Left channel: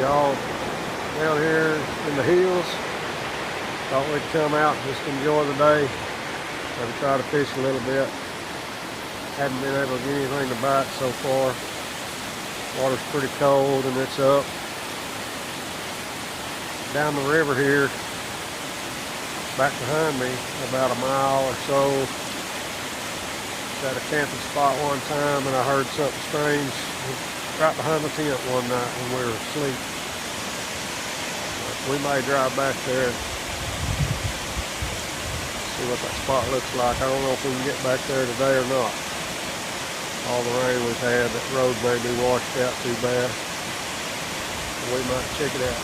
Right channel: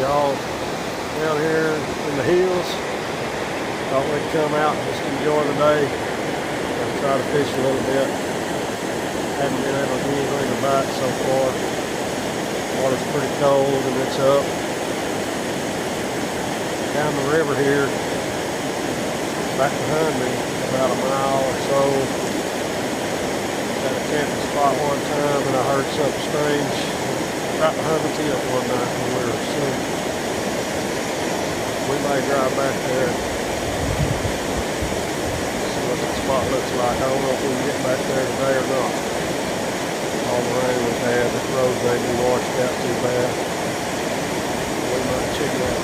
y'all down here in the hills. Thought we'd come out and just enjoy the day and try to fish a little bit. Haven't been able to get anything to bite so far. Water's pretty cold and it's up. Down the river here, back behind me, about a mile or so. At a camping spot one time and I heard something strange right behind the tent one night when we were asleep. We may drive back there, see what that spot looks like. I don't know if we can get back there today or not. All the rain we've had, that road may be washed out too bad. We might check it out.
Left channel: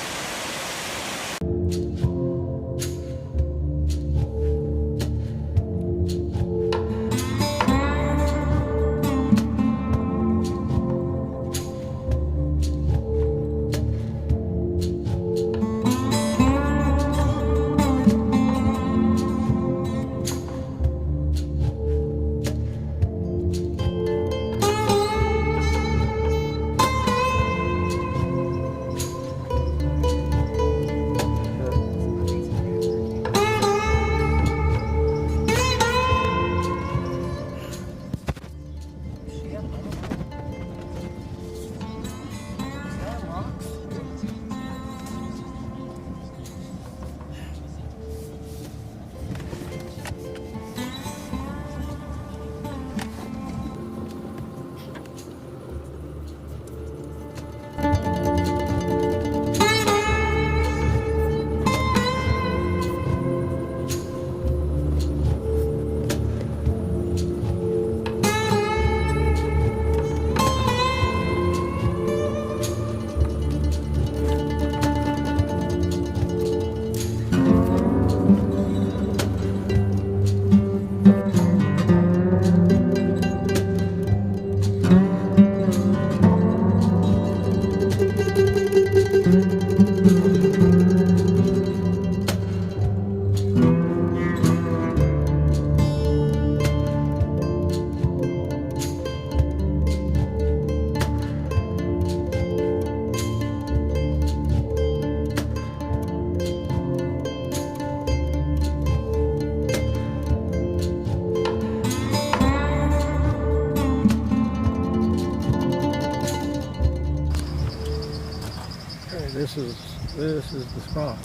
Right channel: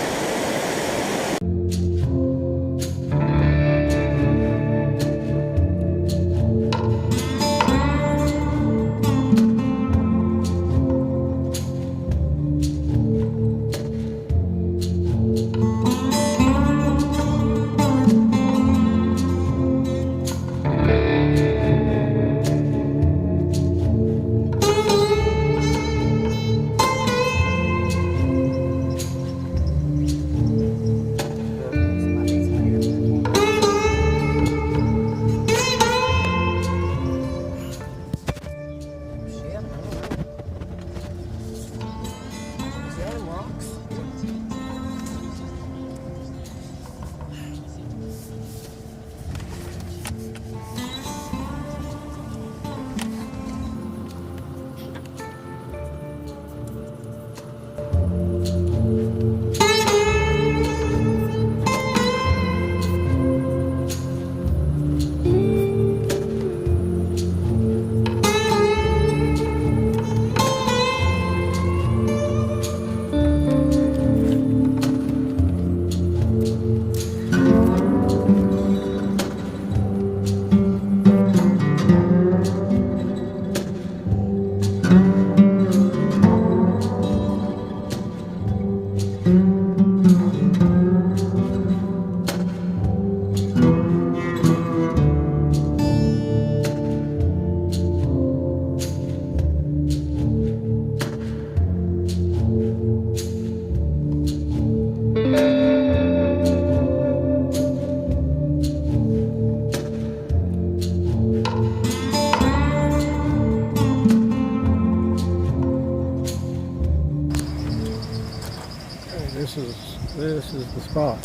This is the spot.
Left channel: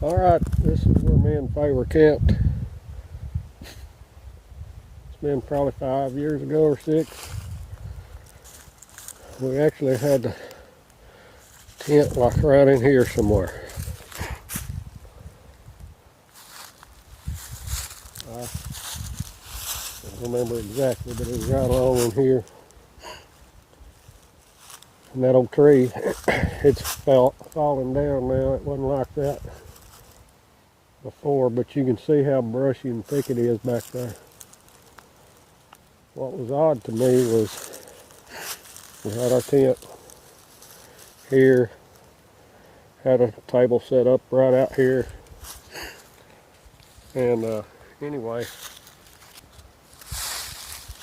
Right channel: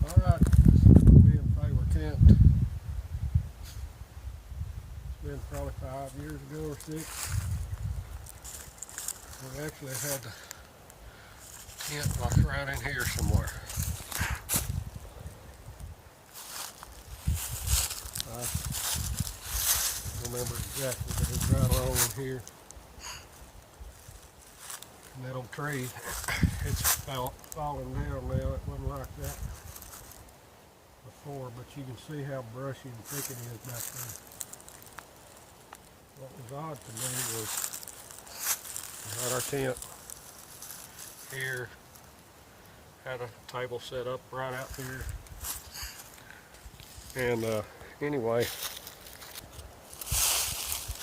All right, this is where me and Faye were camped. It's been probably 5 years ago or 6. We actually had the tent like right in here somewhere. I don't remember exactly, but it was right along in here. And that old tree, it's falling down now. It wasn't like that before, but you can see how brushy and thick it is back there. What was odd to me was we had our tent here, had a table set up right out here, and anyway,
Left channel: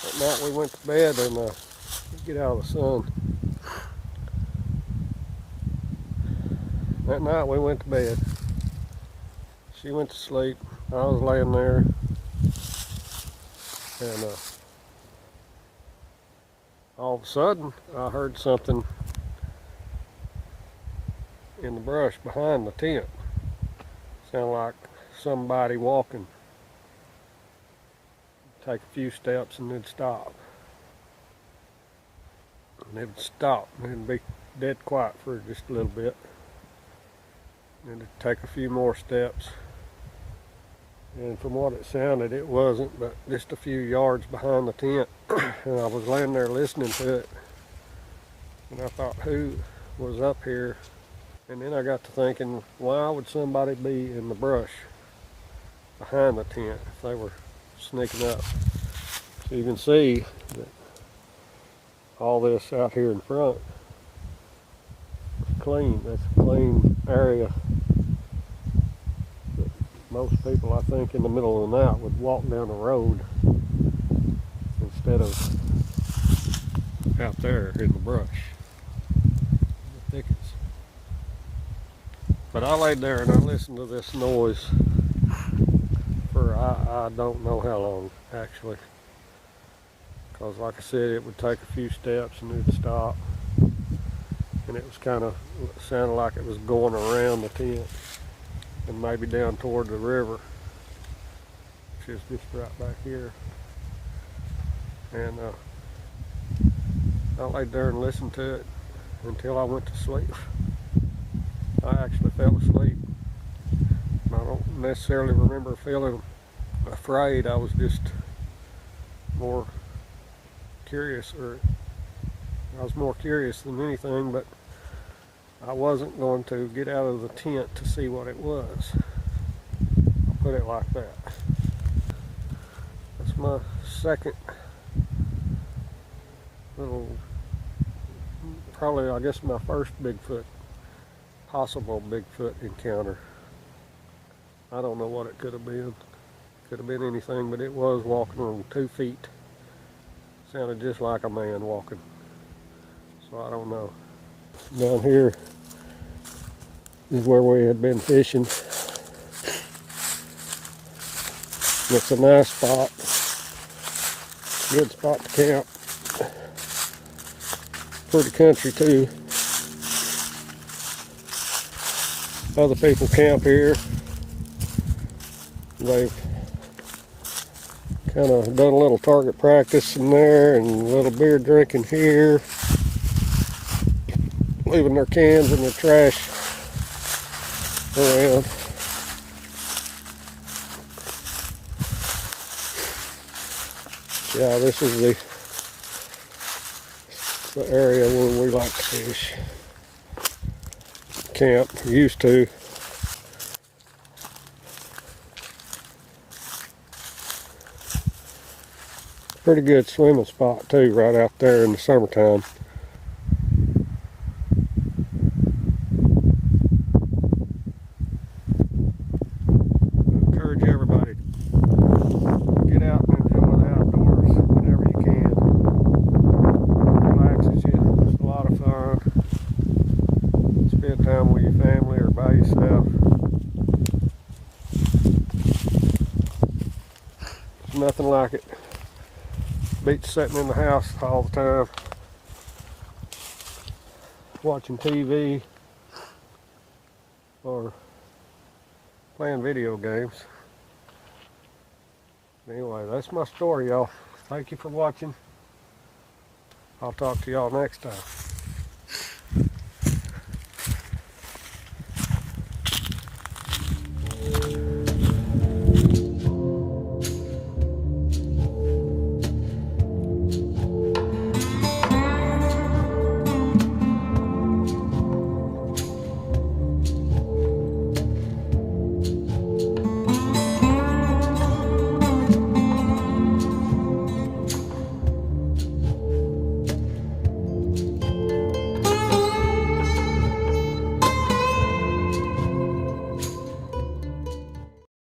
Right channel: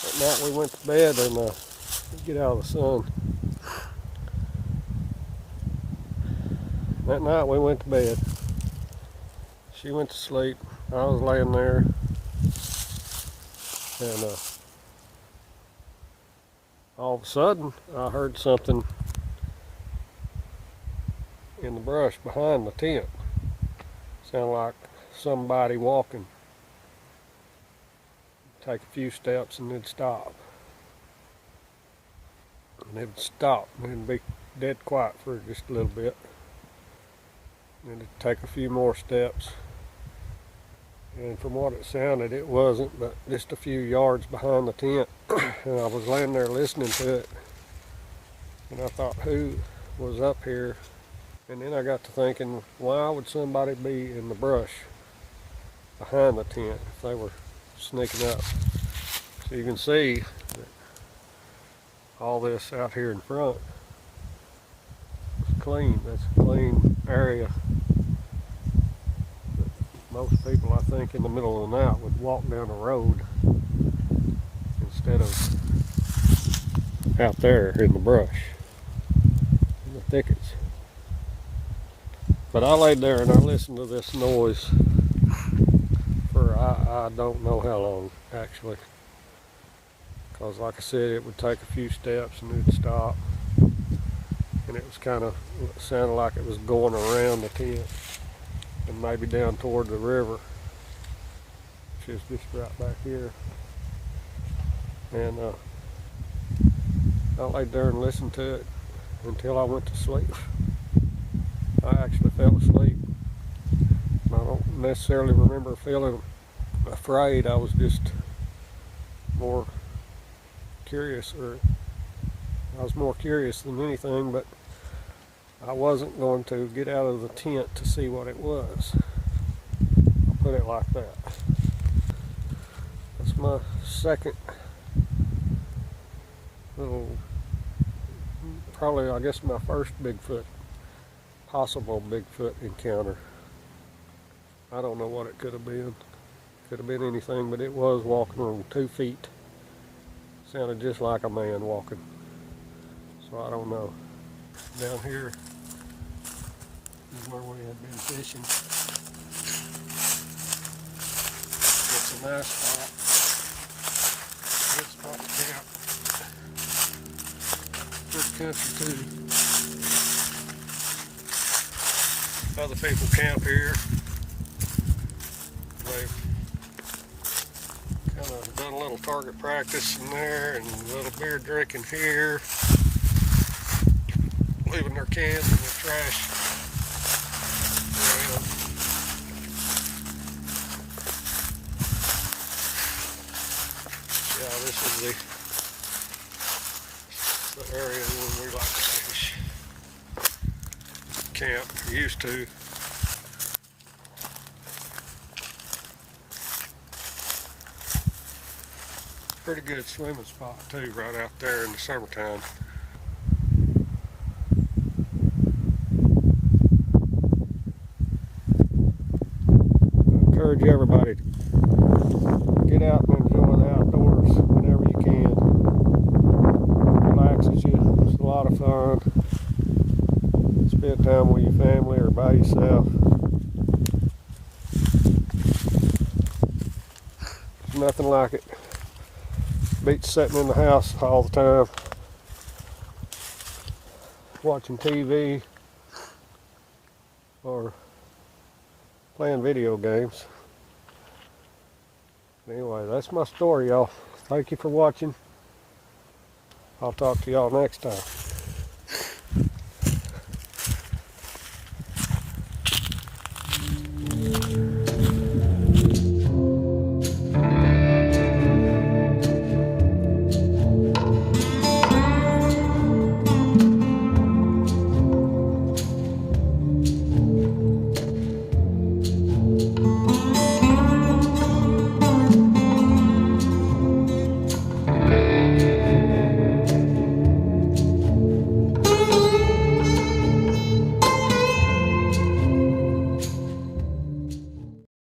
that night we went to bed and get out of the sun. That night we went to bed. She went to sleep. I was laying there, and all of a sudden, I heard something in the brush behind the tent. Sounded like somebody walking. Take a few steps and it'd stop. And it would stop and it'd be dead quiet for just a little bit. And it'd take a few more steps. And from what it sounded, it wasn't, but just a few yards behind the tent. And I was laying there listening to it, and I thought, who was up here? And then I got to thinking, why would somebody be in the brush behind the tent if they were sneaking up So you can see that all this out here in front is clean. That's a clean area. But most people, I think, in the middle of the night would walk down the road instead of out there in the brush, in the thickets. But I laid there and I listened to this noise for I don't know how long, actually. Because like I said, it would take a few steps and it would stop. And it was kind of, sounded like it was going around the tent and maybe down toward the river, which is just right back here. And I laid there and listened to it until I went to sleep. I actually fell asleep. I don't necessarily remember feeling afraid. I was just more curious, or I was more curious than anything, but I wasn't going to get out of the tent to see what it was. I'll put it like that. That's my second little, probably I guess my first possible Bigfoot encounter. I don't know what it could have been. Could have been anything, but it was walking on 2 feet. Sounded just like a man walking. So I don't know. Down here is where we had been fishing. It's a nice spot. Good spot to camp. Pretty country too. Other people camp here. They've kind of done a little target practice in there and a little beer drinking here. Leaving their cans and their trash around. Yeah, this is the area where we like to fish. Camp, used to. Pretty good swimming spot too, right out there in the summertime. I encourage everybody to get out and enjoy the outdoors whenever you can. It relaxes you. It's a lot of fun. Spend time with your family or by yourself. There's nothing like it. Beats sitting in the house all the time, watching TV or playing video games. Anyway, that's my story, y'all. Thank you for watching. I'll talk to y'all next time.